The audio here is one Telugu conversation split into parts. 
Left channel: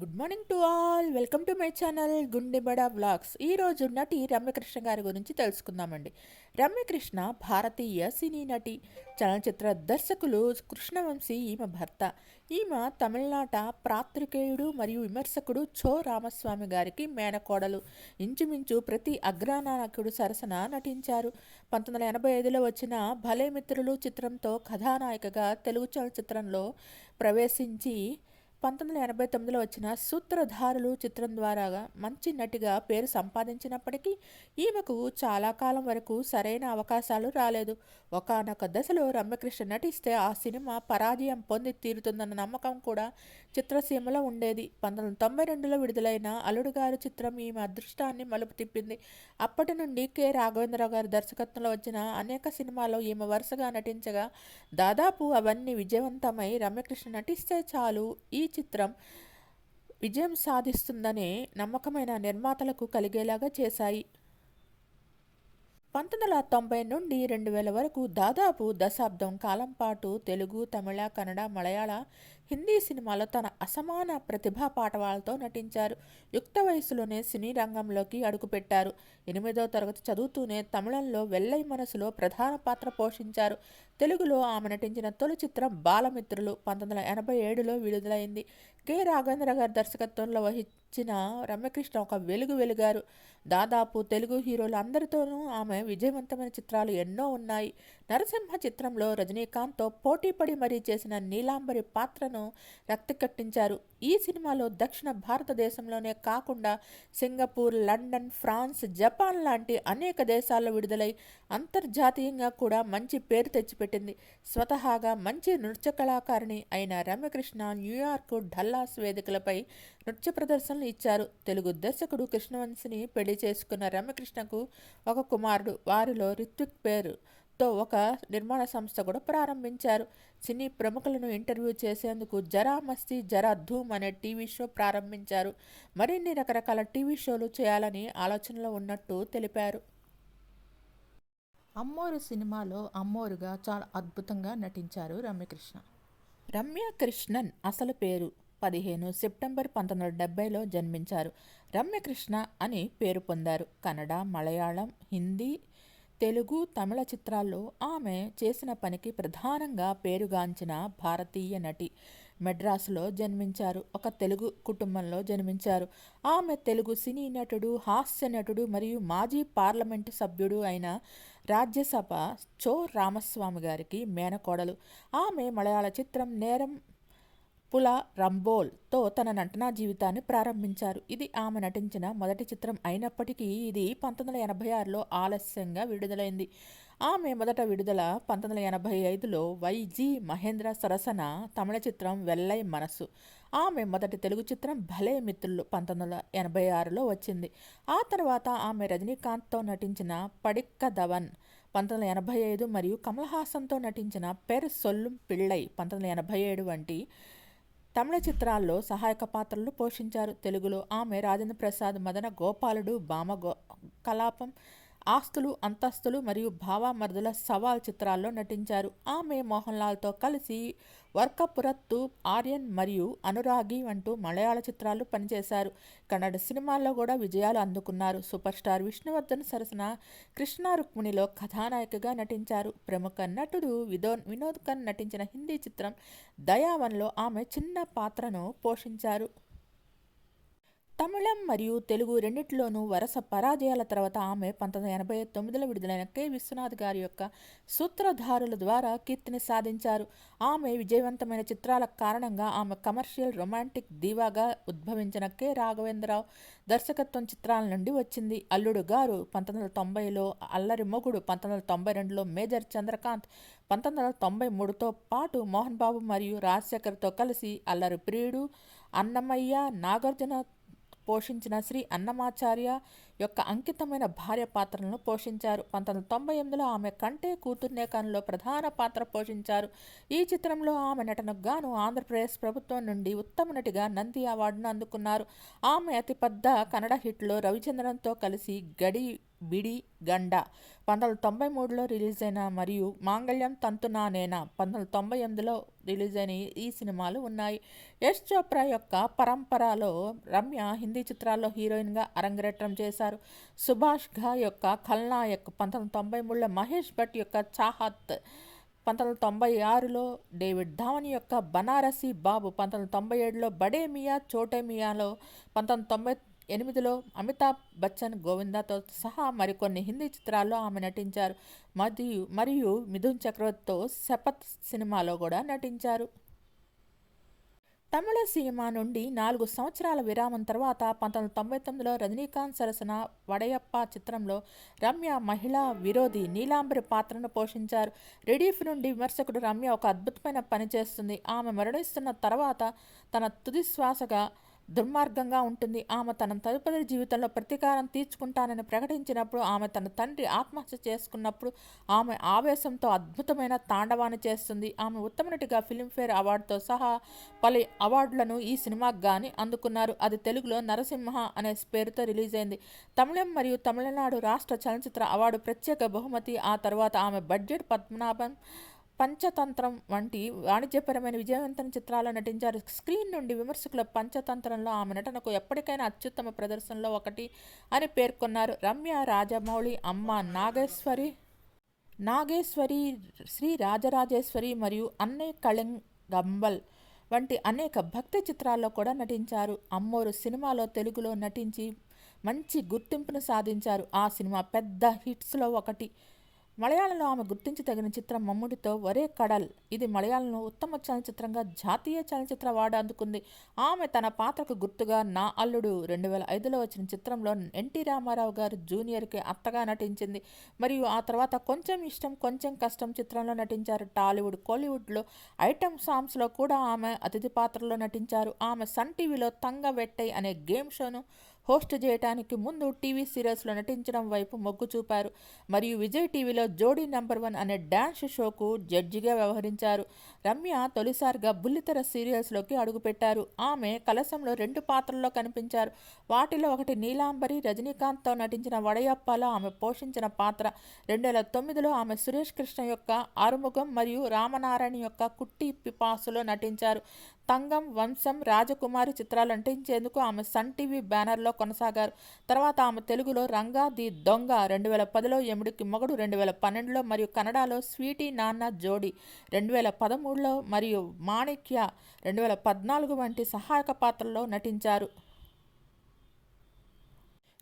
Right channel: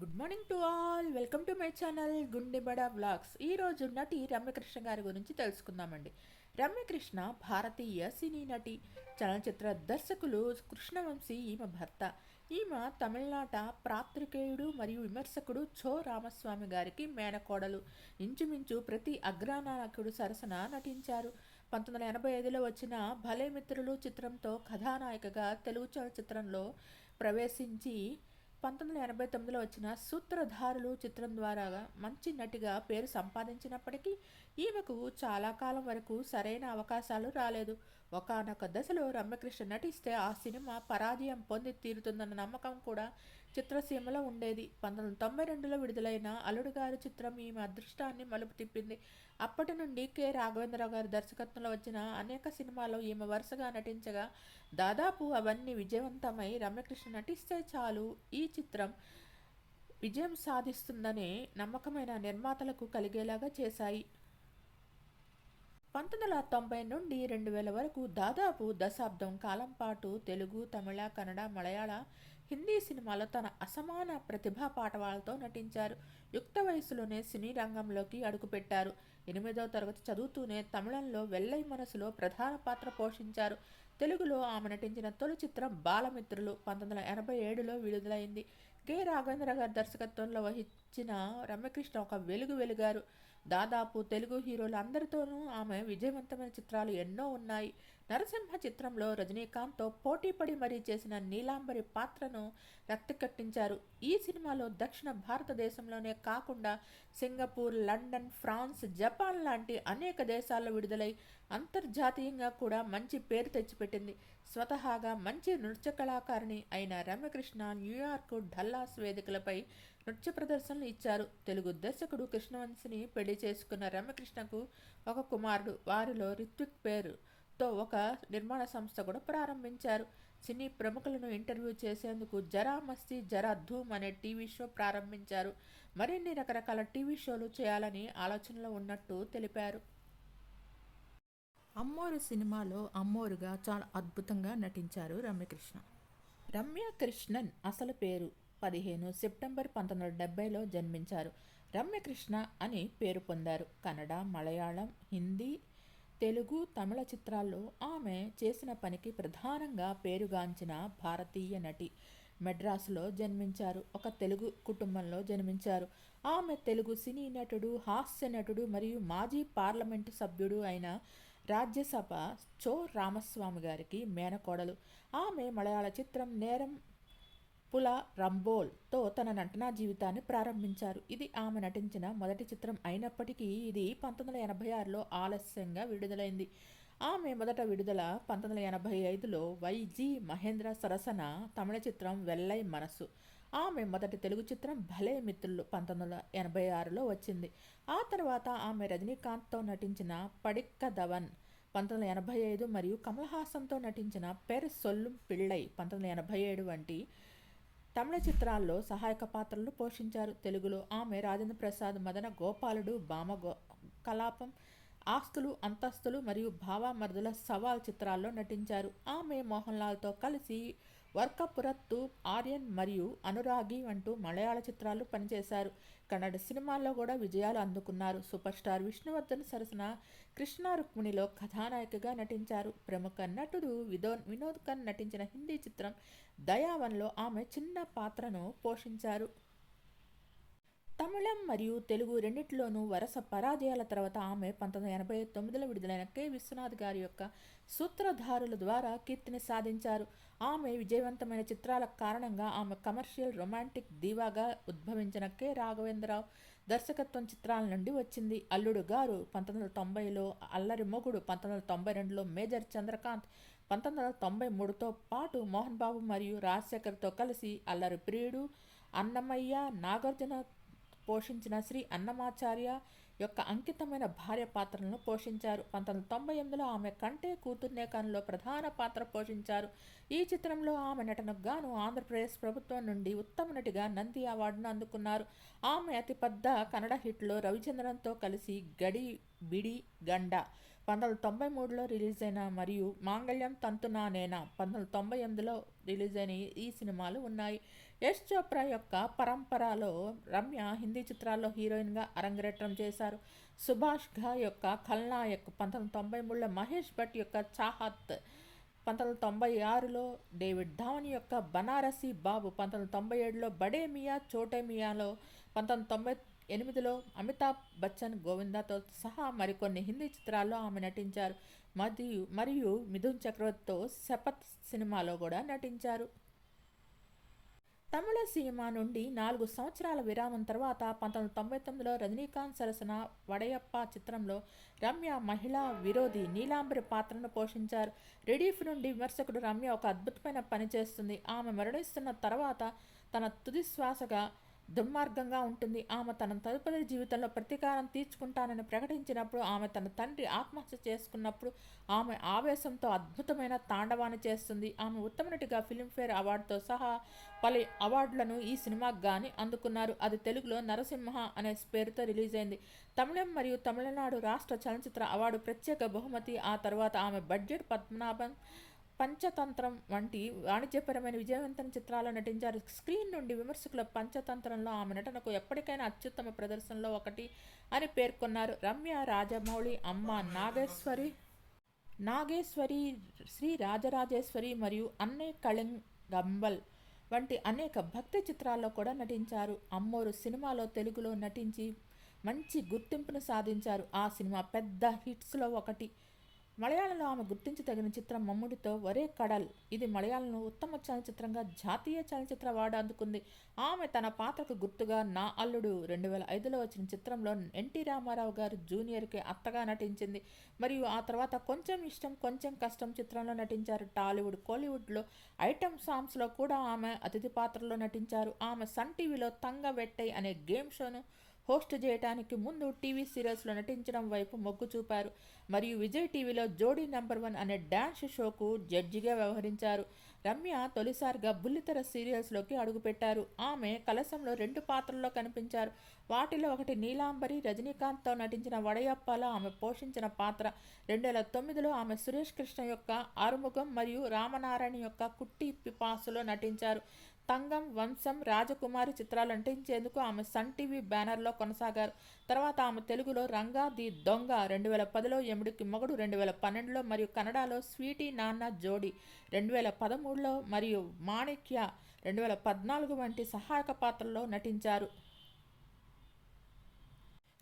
Good morning to all. Welcome to my channel Gundebada vlogs. ఈరోజు నటి రమ్యకృష్ణ గారి గురించి తెలుసుకుందామండి. రమ్యకృష్ణ భారతీయ సినీ నటి, చలనచిత్ర దర్శకులు కృష్ణవంశీ ఈమె భర్త. ఈమె తమిళనాట పాత్రికేయుడు మరియు విమర్శకుడు చో రామస్వామి గారికి మేనకోడలు. ఇంచుమించు ప్రతి అగ్రనాయకుడు సరసన నటించారు. 1985లో వచ్చిన భలే మిత్రులు చిత్రంతో కథానాయికగా తెలుగు చలనచిత్రంలో ప్రవేశించి 1989లో వచ్చిన సూత్రధారులు చిత్రం ద్వారా మంచి నటిగా పేరు సంపాదించినప్పటికీ ఈమెకు చాలా కాలం వరకు సరైన అవకాశాలు రాలేదు. ఒకానొక దశలో రమ్యకృష్ణ నటిస్తే ఆ సినిమా పరాజయం పొంది తీరుతుందన్న నమ్మకం కూడా చిత్రసీమలో ఉండేది. 1992లో విడుదలైన అల్లుడు గారు చిత్రం ఈమె అదృష్టాన్ని మలుపు తిప్పింది. అప్పటి నుండి కె రాఘవేంద్రరావు గారి దర్శకత్వంలో వచ్చిన అనేక సినిమాల్లో ఈమె వరుసగా నటించగా దాదాపు అవన్నీ విజయవంతమై రమ్యకృష్ణ నటిస్తే చాలు ఈ చిత్రం విజయం సాధిస్తుందనే నమ్మకమైన నిర్మాతలకు కలిగేలాగా చేశాయి. 1990 నుండి 2000 వరకు దాదాపు దశాబ్దం కాలం పాటు తెలుగు, తమిళ, కన్నడ, మలయాళ, హిందీ సినిమాలో తన అసమాన ప్రతిభా పాటవాలతో నటించారు. యుక్త వయసులోనే సినీ రంగంలోకి అడుగుపెట్టారు. 8వ తరగతి చదువుతూనే తమిళంలో వెల్లై మనసులో ప్రధాన పాత్ర పోషించారు. తెలుగులో ఆమె నటించిన తొలి చిత్రం బాలమిత్రులు 1987లో విడుదలైంది. కె రాఘవేంద్ర గారి దర్శకత్వంలో వహించిన రమ్యకృష్ణ ఒక వెలుగారు. దాదాపు తెలుగు హీరోలు అందరితోనూ ఆమె విజయవంతమైన చిత్రాలు ఎన్నో ఉన్నాయి. నరసింహ చిత్రంలో రజనీకాంత్తో పోటీపడి మరీ చేసిన నీలాంబరి పాత్రను రక్తి కట్టించారు. ఈ సినిమాలో దక్షిణ భారతదేశంలోనే కాకుండా సింగపూర్, లండన్, ఫ్రాన్స్, జపాన్ లాంటి అనేక దేశాల్లో విడుదలై అంతర్జాతీయంగా కూడా మంచి పేరు తెచ్చిపెట్టింది. స్వతహాగా మంచి నృత్య కళాకారిణి అయిన రమ్యకృష్ణ న్యూయార్క్, డల్లాస్ వేదికలపై నృత్య ప్రదర్శనలు ఇచ్చారు. తెలుగు దర్శకుడు కృష్ణవంశిని పెళ్లి చేసుకున్న రమ్యకృష్ణకు ఒక కుమారుడు. వారిలో రిత్విక్ పేరుతో ఒక నిర్మాణ సంస్థ కూడా ప్రారంభించారు. సినీ ప్రముఖులను ఇంటర్వ్యూ చేసేందుకు జరా మస్తీ జరా ధూమ్ అనే టీవీ షో ప్రారంభించారు. మరిన్ని రకరకాల టీవీ షోలు చేయాలని ఆలోచనలో ఉన్నట్టు తెలిపారు. అమ్మోరు సినిమాలో అమ్మోరుగా చాలా అద్భుతంగా నటించారు రమ్యకృష్ణ. రమ్యకృష్ణన్ అసలు పేరు 15 సెప్టెంబర్ 1970లో జన్మించారు. రమ్యకృష్ణ అని పేరు పొందారు. కన్నడ, మలయాళం, హిందీ, తెలుగు, తమిళ చిత్రాల్లో ఆమె చేసిన పనికి ప్రధానంగా పేరుగాంచిన భారతీయ నటి. మెడ్రాసులో జన్మించారు. ఒక తెలుగు కుటుంబంలో జన్మించారు. ఆమె తెలుగు సినీ నటుడు, హాస్య నటుడు మరియు మాజీ పార్లమెంటు సభ్యుడు అయిన రాజ్యసభ చో రామస్వామి గారికి మేనకోడలు. ఆమె మలయాళ చిత్రం నేరం పుల రంబోల్తో తన నటనా జీవితాన్ని ప్రారంభించారు. ఇది ఆమె నటించిన మొదటి చిత్రం అయినప్పటికీ ఇది 1986లో ఆలస్యంగా విడుదలైంది. ఆమె మొదట విడుదల 1985లో వైజి మహేంద్ర సరసన తమిళ చిత్రం వెల్లై మనసు. ఆమె మొదటి తెలుగు చిత్రం భలే మిత్రులు 1986లో వచ్చింది. ఆ తర్వాత ఆమె రజనీకాంత్తో నటించిన పడిక్క దవన్ 1985 మరియు కమల్ హాసన్తో నటించిన పెర్ సొల్లుం పిళ్ళై 1987 వంటి తమిళ చిత్రాల్లో సహాయక పాత్రలు పోషించారు. తెలుగులో ఆమె రాజేంద్ర ప్రసాద్, మదన గోపాలుడు, కలాపం, ఆస్తులు అంతస్తులు మరియు భావామర్దుల సవాల్ చిత్రాల్లో నటించారు. ఆమె మోహన్ లాల్తో కలిసి వర్కపురత్తు, ఆర్యన్ మరియు అనురాగి అంటూ మలయాళ చిత్రాలు పనిచేశారు. కన్నడ సినిమాల్లో కూడా విజయాలు అందుకున్నారు. సూపర్ స్టార్ విష్ణువర్ధన్ సరసన కృష్ణ రుక్మిణిలో కథానాయికగా నటించారు. ప్రముఖ నటుడు వినోద్ ఖన్నా నటించిన హిందీ చిత్రం దయావన్లో ఆమె చిన్న పాత్రను పోషించారు. తమిళం మరియు తెలుగు రెండిటిలోనూ వరుస పరాజయాల తర్వాత ఆమె 1989లో విడుదలైన కె విశ్వనాథ్ గారి యొక్క సూత్రధారుల ద్వారా కీర్తిని సాధించారు. ఆమె విజయవంతమైన చిత్రాల కారణంగా ఆమె కమర్షియల్ రొమాంటిక్ దీవాగా ఉద్భవించిన కె రాఘవేంద్రరావు దర్శకత్వం చిత్రాల నుండి వచ్చింది. అల్లుడు గారు 1990లో, అల్లరి మొగుడు 1992లో, మేజర్ చంద్రకాంత్ 1993తో పాటు మోహన్ బాబు మరియు రాజశేఖర్తో కలిసి అల్లరి ప్రియుడు, అన్నమయ్య, నాగార్జున పోషించిన శ్రీ అన్నమాచార్య, యొక్క అంకితమైన భార్య పాత్రలను పోషించారు. 1998లో ఆమె కంటే కూతుర్నే కనులో ప్రధాన పాత్ర పోషించారు. ఈ చిత్రంలో ఆమె నటనకు గాను ఆంధ్రప్రదేశ్ ప్రభుత్వం నుండి ఉత్తమ నటిగా నంది అవార్డును అందుకున్నారు. ఆమె అతిపెద్ద కన్నడ హిట్లో రవిచంద్రన్తో కలిసి గడి బిడి గండ 1993లో రిలీజ్ అయిన మరియు మాంగళ్యం తంతునా నేనా 1998లో రిలీజ్ అయిన ఈ సినిమాలు ఉన్నాయి. యశ్ చోప్రా యొక్క పరంపరలో రమ్య హిందీ చిత్రాల్లో హీరోయిన్గా అరంగేట్రం చేశారు. సుభాష్ ఘా యొక్క ఖల్నాయక్ 1993లో, మహేష్ భట్ యొక్క చాహత్ 1996లో, డేవిడ్ ధావన్ యొక్క బనారసి బాబు 1997లో, బడే మియా చోటే మియాలో 1998లో, అమితాబ్ బచ్చన్ గోవిందాతో సహా మరికొన్ని హిందీ చిత్రాల్లో ఆమె నటించారు. మరియు మిథున్ చక్రవర్తితో శపథ్ సినిమాలో కూడా నటించారు. తమిళ సినిమా నుండి 4 సంవత్సరాల విరామం తర్వాత 1999లో రజనీకాంత్ సరసన వడయప్ప చిత్రంలో రమ్య మహిళా విరోధి నీలాంబరి పాత్రను పోషించారు. రెడీఫ్ నుండి విమర్శకుడు రమ్య ఒక అద్భుతమైన పని చేస్తుంది. ఆమె మరణిస్తున్న తర్వాత తన తుది శ్వాసగా దుర్మార్గంగా ఉంటుంది. ఆమె తన తదుపరి జీవితంలో ప్రతీకారం తీర్చుకుంటానని ప్రకటించినప్పుడు, ఆమె తన తండ్రి ఆత్మహత్య చేసుకున్నప్పుడు ఆమె ఆవేశంతో అద్భుతమైన తాండవాన్ని చేస్తుంది. ఆమె ఉత్తమ నటిగా ఫిల్మ్ఫేర్ అవార్డుతో సహా పలు అవార్డులను ఈ సినిమాకు గాని అందుకున్నారు. అది తెలుగులో నరసింహ అనే పేరుతో రిలీజ్ అయింది. తమిళం మరియు తమిళనాడు రాష్ట్ర చలనచిత్ర అవార్డు ప్రత్యేక బహుమతి. ఆ తర్వాత ఆమె బడ్జెట్ పద్మనాభం, పంచతంత్రం వంటి వాణిజ్యపరమైన విజయవంతమైన చిత్రాల్లో నటించారు. స్క్రీన్ నుండి విమర్శకుల పంచతంత్రంలో ఆమె నటనకు ఎప్పటికైనా అత్యుత్తమ ప్రదర్శనలో ఒకటి అని పేర్కొన్నారు. రమ్య రాజమౌళి అమ్మ నాగేశ్వరి, శ్రీ రాజరాజేశ్వరి మరియు అన్నే కళింగంబల్ వంటి అనేక భక్తి చిత్రాల్లో కూడా నటించారు. అమ్మోరు సినిమాలో తెలుగులో నటించి మంచి గుర్తింపును సాధించారు. ఆ సినిమా పెద్ద హిట్స్లో ఒకటి. మలయాళంలో ఆమె గుర్తించదగిన చిత్రం మమ్ముటితో ఒరే కడల్. ఇది మలయాళంలో ఉత్తమ చలనచిత్రంగా జాతీయ చలనచిత్ర అవార్డు అందుకుంది. ఆమె తన పాత్రకు గుర్తుగా నా అల్లుడు 2005లో వచ్చిన చిత్రంలో ఎన్టీ రామారావు గారు జూనియర్కి అత్తగా నటించింది. మరియు ఆ తర్వాత కొంచెం ఇష్టం కొంచెం కష్టం చిత్రంలో నటించారు. టాలీవుడ్, కోలీవుడ్లో ఐటమ్ సాంగ్స్లో కూడా ఆమె అతిథి పాత్రలో నటించారు. ఆమె సన్ టీవీలో తంగ వెట్టై అనే గేమ్ షోను హోస్ట్ చేయడానికి ముందు టీవీ సీరియల్స్లో నటించడం వైపు మొగ్గు చూపారు. మరియు విజయ్ టీవీలో జోడీ నంబర్ 1 అనే డ్యాన్స్ షోకు జడ్జిగా వ్యవహరించారు. రమ్య తొలిసారిగా బుల్లితెర సీరియల్స్లోకి అడుగుపెట్టారు. ఆమె కలశంలో 2 పాత్రల్లో కనిపించారు. వాటిలో ఒకటి నీలాంబరి. రజనీకాంత్తో నటించిన వడయప్పలో ఆమె పోషించిన పాత్ర. 2009లో ఆమె సురేష్ కృష్ణ యొక్క ఆరుముగం మరియు రామనారాయణ యొక్క కుట్టి పిపాసులో నటించారు. తంగం, వంశం, రాజకుమారి చిత్రాలు నటించేందుకు ఆమె సన్ టీవీ బ్యానర్లో కొనసాగారు. తర్వాత ఆమె తెలుగులో రంగా ది దొంగ 2010లో, ఎముడికి మొగుడు 2012లో మరియు కన్నడలో స్వీటీ నాన్న జోడి 2013లో మరియు మాణిక్య 2014 వంటి సహాయక పాత్రల్లో నటించారు.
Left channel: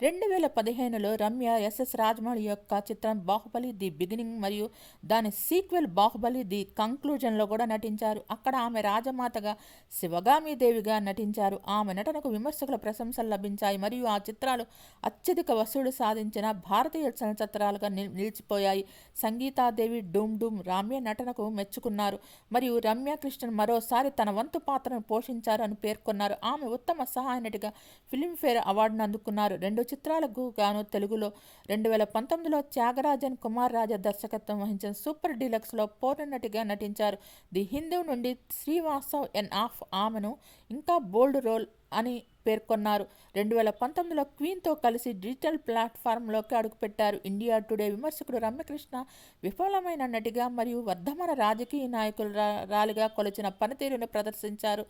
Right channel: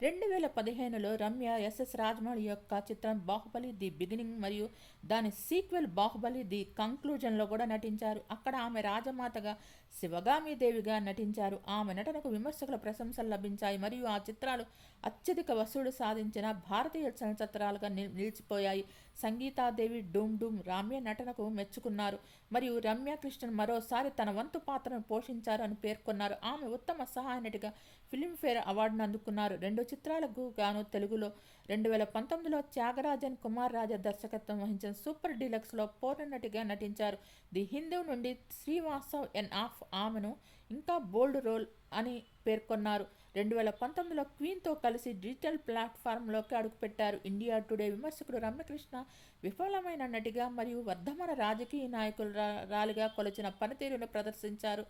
2015లో రమ్య ఎస్ఎస్ రాజమౌళి యొక్క చిత్రం బాహుబలి ది బిగినింగ్ మరియు దాని సీక్వెల్ బాహుబలి ది కంక్లూజన్లో కూడా నటించారు. అక్కడ ఆమె రాజమాతగా శివగామీదేవిగా నటించారు. ఆమె నటనకు విమర్శకుల ప్రశంసలు లభించాయి మరియు ఆ చిత్రాలు అత్యధిక వసూలు సాధించిన భారతీయ చలనచిత్రాలుగా నిలిచిపోయాయి. సంగీతాదేవి, డూమ్ డూమ్ రమ్య నటనకు మెచ్చుకున్నారు మరియు రమ్య కృష్ణన్ మరోసారి తన వంతు పాత్రను పోషించారు అని పేర్కొన్నారు. ఆమె ఉత్తమ సహాయ నటిగా ఫిల్మ్ఫేర్ అవార్డును అందుకున్నారు. 2 చిత్రాలకు గాను తెలుగులో 2019లో త్యాగరాజన్ కుమార్ రాజా దర్శకత్వం వహించిన సూపర్ డీలక్స్లో పూర్ణ నటిగా నటించారు. ది హిందూ నుండి శ్రీవాస్తవ్ ఎన్ ఆఫ్ ఆమెను ఇంకా బోల్డ్ రోల్ అని పేర్కొన్నారు. 2019లో క్వీన్తో కలిసి డిజిటల్ ప్లాట్ఫామ్లోకి అడుగుపెట్టారు. ఇండియా టుడే విమర్శకుడు రమ్యకృష్ణ విఫలమైన నటిగా మరియు వర్ధమాన రాజకీయ నాయకురాలిగా కొలిచిన పనితీరును ప్రదర్శించారు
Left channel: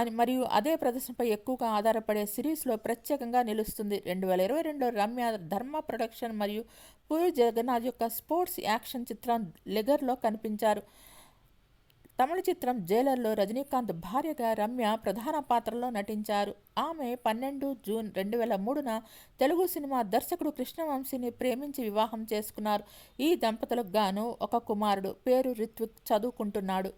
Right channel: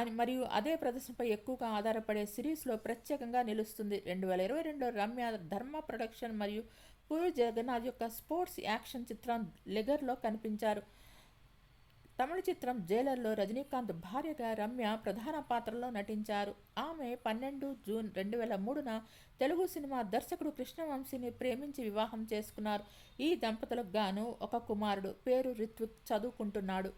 అని మరియు అదే ప్రదర్శనపై ఎక్కువగా ఆధారపడే సిరీస్లో ప్రత్యేకంగా నిలుస్తుంది. 2022లో రమ్య ధర్మ ప్రొడక్షన్ మరియు పూరి జగన్నాథ్ యొక్క స్పోర్ట్స్ యాక్షన్ చిత్రం లెగర్లో కనిపించారు. తమిళ చిత్రం జైలర్లో రజనీకాంత్ భార్యగా రమ్య ప్రధాన పాత్రలో నటించారు. ఆమె 12 జూన్ 2003న తెలుగు సినిమా దర్శకుడు కృష్ణవంశీని ప్రేమించి వివాహం చేసుకున్నారు. ఈ దంపతులకు గాను ఒక కుమారుడు. పేరు రిత్విక్, చదువుకుంటున్నాడు.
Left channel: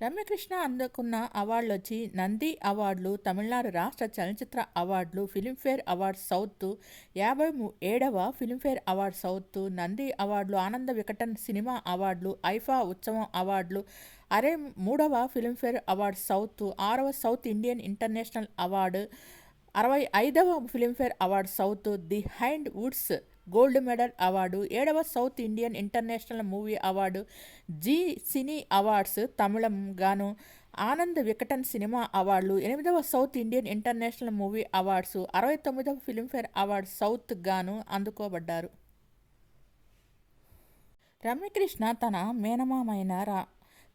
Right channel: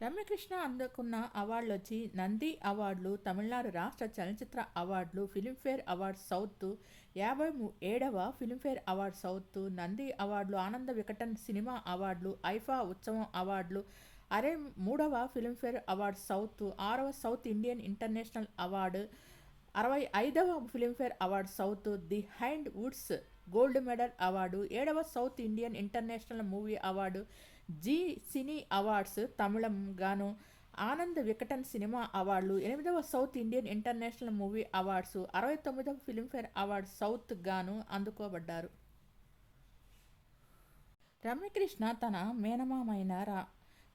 రమ్యకృష్ణ అందుకున్న అవార్డులు వచ్చి నంది అవార్డులు, తమిళనాడు రాష్ట్ర చలనచిత్ర అవార్డులు, ఫిల్మ్ఫేర్ అవార్డ్స్ సౌత్, 57వ ఫిల్మ్ఫేర్ అవార్డ్ సౌత్, నంది అవార్డులు, ఆనంద వికటన్ సినిమా అవార్డులు, ఐఫా ఉత్సవం అవార్డులు, 3వ ఫిల్మ్ఫేర్ అవార్డ్ సౌత్, 6వ సౌత్ ఇండియన్ ఇంటర్నేషనల్ అవార్డు, 65వ Filmfare award South, the Behindwoods gold medal award, 7వ South Indian International movie award, Zee cine awards తమిళం గాను, ఆనంద్ వికటన్ సినిమా అవార్డులు, 8వ South Indian International movie awards, 69వ ఫిలింఫేర్ అవార్డు సౌత్ గాను అందుకోబడ్డారు. రమ్యకృష్ణ తన మేనమామైన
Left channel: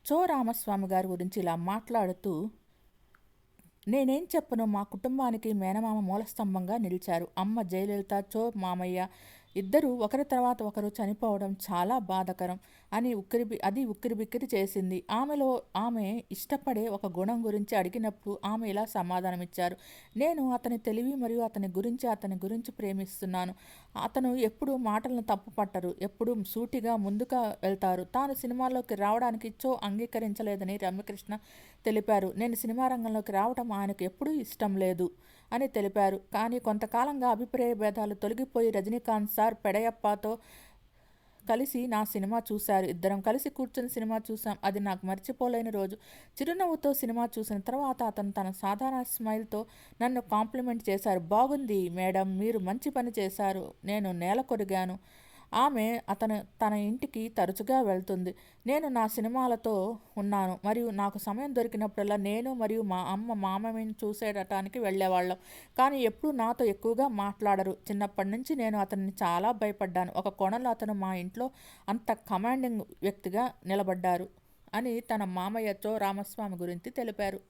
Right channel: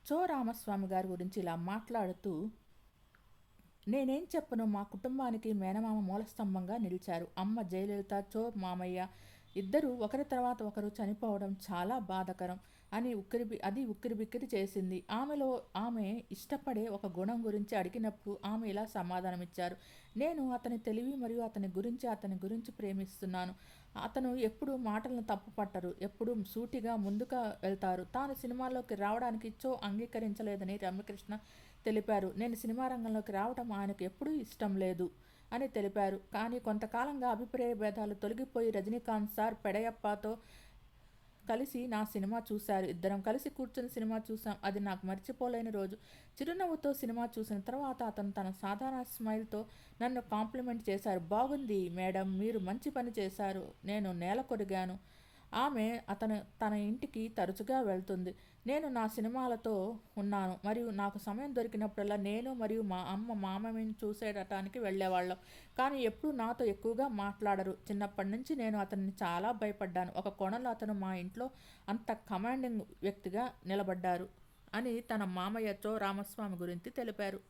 చో రామస్వామి గారి గురించి ఇలా మాట్లాడుతూ, నేనేం చెప్పను, మా కుటుంబానికి మేనమామ మూలస్తంభంగా నిలిచారు. అమ్మ జయలలిత, చో మామయ్య ఇద్దరు ఒకరి తర్వాత ఒకరు చనిపోవడం చాలా బాధకరం అని ఉక్కిరిబిక్కిరి చేసింది. ఆమె ఇష్టపడే ఒక గుణం గురించి అడిగినప్పుడు ఆమె ఇలా సమాధానమిచ్చారు. నేను అతని తెలివి మరియు అతని గురించి ప్రేమిస్తున్నాను. అతను ఎప్పుడు మాటలను తప్పుపట్టరు, ఎప్పుడు సూటిగా ముందుగా వెళ్తారు. తాను సినిమాల్లోకి రావడానికి చో అంగీకరించలేదని రమ్యకృష్ణ తెలిపారు. నేను సినిమా రంగంలోకి రావడం ఆయనకు ఎప్పుడూ ఇష్టం లేదు అని తెలిపారు. కానీ కొంతకాలంగా అభిప్రాయ భేదాలు తొలగిపోయి రజనీకాంత్ సార్ పెడయప్పతో కలిసి నా సినిమా చూశారు. ఇద్దరం కలిసి కూర్చొని సినిమా చూసాం. అది నాకు మర్చిపోలేని రోజు. చిరునవ్వుతో సినిమా చూసిన తర్వాత అతను తన సాధారణ స్మైల్తో నన్ను కాంప్లిమెంట్ చేశారు. బాగుంది మేడం, మీరు మంచి పని చేశారు. నేను నేల కొరిగాను. ఆమె తన ఇంటికి తరచుగా వెళ్తుంది. నేను నా సినిమాలతో ఉన్నాను మరియు నాకు సమయం దొరికినప్పుడల్లా నేను మరియు మా అమ్మ మామయ్యని చూసేయటానికి వెళ్ళేవాళ్ళం. కానీ ఎప్పుడూ నాతో ఎక్కువగా మాట్లాడరు. చిన్నప్పటి నుంచి నేను అతన్ని చాలా భయపడ్డాను. ఒక కోణంలో అతను మా ఇంట్లో అంత కమాండింగ్ వ్యక్తిగా నిలబడ్డారు అని తన మామయ్య చో రామస్వామి గురించి తెలిపారు.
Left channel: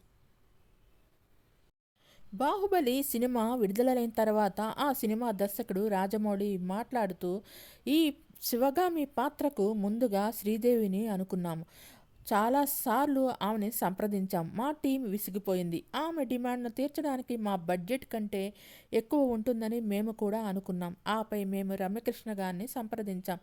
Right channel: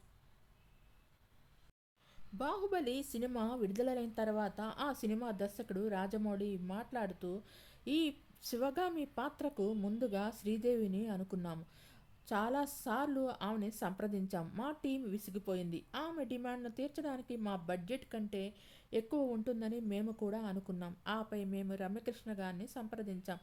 బాహుబలి సినిమా విడుదలైన తర్వాత ఆ సినిమా దర్శకుడు రాజమౌళి మాట్లాడుతూ, ఈ శివగామి పాత్రకు ముందుగా శ్రీదేవిని అనుకున్నాము. చాలాసార్లు ఆమెని సంప్రదించాం. మా టీం విసిగిపోయింది. ఆమె డిమాండ్ను తీర్చడానికి మా బడ్జెట్ కంటే ఎక్కువ ఉంటుందని మేము కూడా అనుకున్నాం. ఆపై మేము రమ్యకృష్ణ గారిని సంప్రదించాం.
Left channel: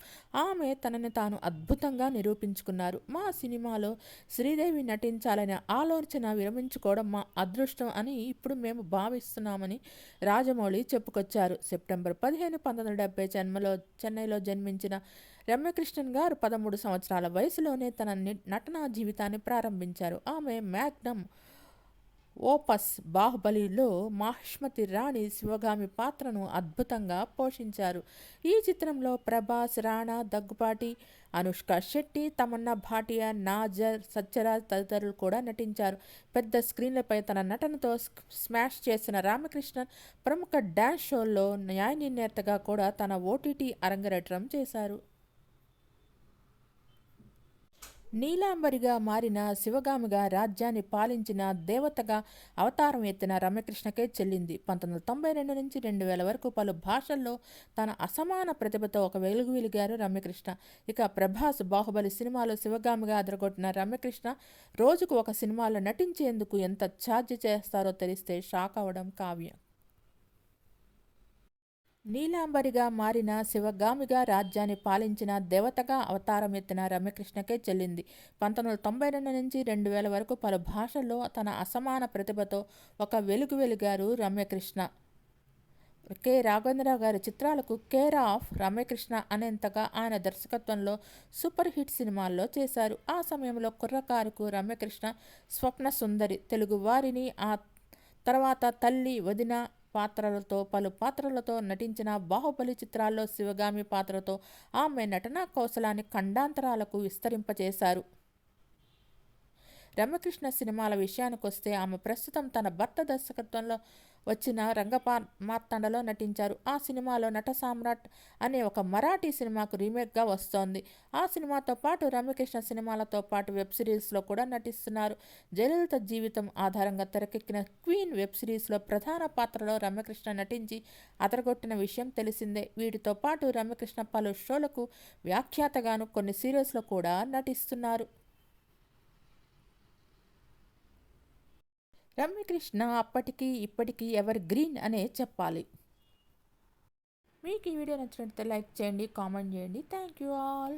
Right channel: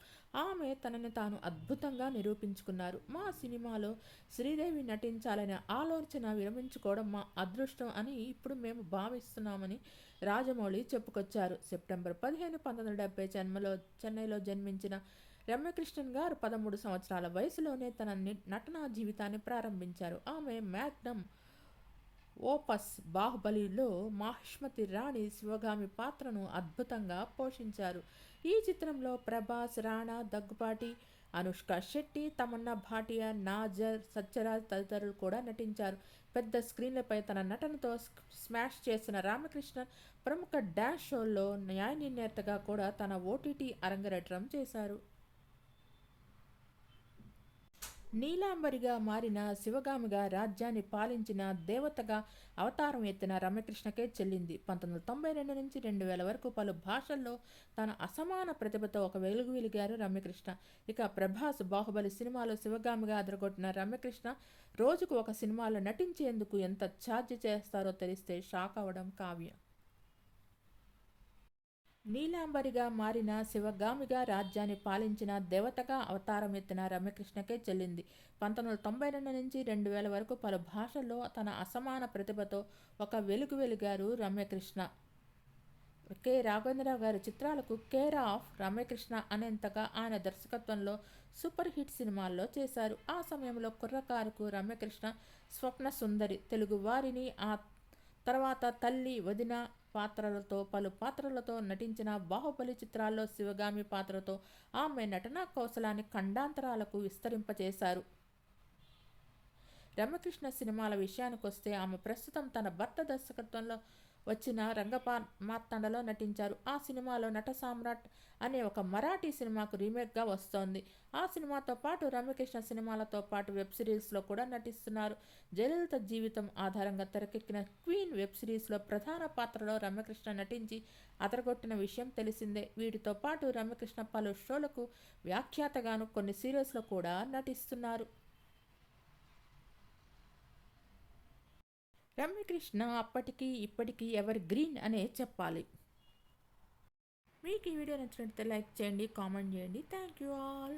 ఆమె తనని తాను అద్భుతంగా నిరూపించుకున్నారు. మా సినిమాలో శ్రీదేవి నటించాలనే ఆలోచన విరమించుకోవడం మా అదృష్టం అని ఇప్పుడు మేము భావిస్తున్నామని రాజమౌళి చెప్పుకొచ్చారు. సెప్టెంబర్ 15, 1970 చెన్నైలో జన్మించిన రమ్యకృష్ణన్ గారు 13 సంవత్సరాల వయసులోనే తన నటనా జీవితాన్ని ప్రారంభించారు. ఆమె మ్యాగ్నమ్ ఓపస్ బాహుబలిలో మాహిష్మతి రాణి శివగామి పాత్రను అద్భుతంగా పోషించారు. ఈ చిత్రంలో ప్రభాస్, రాణా దగ్గుపాటి, అనుష్క శెట్టి, తమన్నా భాటియా, నాజర్, సత్యరాజ్ తదితరులు కూడా నటించారు. పెద్ద స్క్రీన్లపై తన నటనతో స్మాష్ చేసిన రామకృష్ణన్ ప్రముఖ డ్యాన్స్ షోల్లో న్యాయ నిర్ణేతగా కూడా తన ఓటీటీ అరంగేట్రం చేశారు. నీలాంబరిగా మారిన శివగామిగా రాజ్యాన్ని పాలించిన దేవతగా అవతారం ఎత్తిన రమ్యకృష్ణకే చెల్లింది. 1992 నుంచి 2000 వరకు పలు భాషల్లో తన అసమాన ప్రతిభతో ఒక వెలిగారు రమ్యకృష్ణ. ఇక ప్రభాస్ బాహుబలి సినిమాలో శివగామిగా అదరగొట్టిన రమ్యకృష్ణ రోజుకు ఒక సినిమాలో నటించేందుకు ఎంత ఛార్జ్ చేస్తారో తెలిస్తే షాక్ అవడం కావ్యం. నీలాంబరిగా మారిన శివగామిగా రాజ్యాన్ని పాలించిన దేవతగా అవతారం ఎత్తిన రమ్యకృష్ణకే చెల్లింది. 1992 నుంచి 2000 వరకు పలు భాషల్లో తన అసమాన ప్రతిభతో ఒక వెలిగారు రమ్యకృష్ణ. కె రాఘవేంద్రరావు గారి చిత్రాలకు కేర్ ఆఫ్ రమ్యకృష్ణ అనేంతగా ఆయన దర్శకత్వంలో సూపర్ హిట్ సినిమాల్లో చేశారు. ఆ సమయంలో కుర్రకారుకు రమ్యకృష్ణ స్వప్న సుందరి, తెలుగు వారిని, ఆ తర్వాత తల్లి, వదిన పలు పాత్రలతో నటించిన బాహుబలి చిత్రాల్లో శివగామి పాత్రతో ఆమె నటనా కౌశలాన్ని ఖండాంతరాలకు విస్తరింపచేశారు. రమ్యకృష్ణ సినిమాల విషయానికొస్తే ఆమె ప్రస్తుతం తన భర్త దర్శకత్వంలో వచ్చిన రంగమార్తాండలో నటించారు. ఆ సినిమాలో నట సామ్రాట్ అనే ఒక మరాఠీ సినిమాకు రీమేక్గా వస్తోంది. ఆ సినిమాతో పాటు రమ్యకృష్ణ సినిమాలతో పాటు వెబ్ సిరీస్లో కూడా నటిస్తున్నారు. జయలలిత జీవితం ఆధారంగా తెరకెక్కిన క్వీన్ వెబ్ సిరీస్లో ప్రధాన పాత్రలో రమ్యకృష్ణ నటించి అదరగొట్టిన విషయం తెలిసిందే. వీటితో పాటు రమ్యకృష్ణ పలు షోలకు వ్యాఖ్యాతగాను కొన్ని సీరియల్స్లో కూడా నటిస్తున్నారు. రమ్యకృష్ణ అప్పటికి ఇప్పటికీ ఎవర్ గ్రీన్ అనే చెప్పాలి. మీకు ఈ వీడియో నచ్చినట్లయితే లైక్ చేయండి, కామెంట్ చేయండి. Thank you all.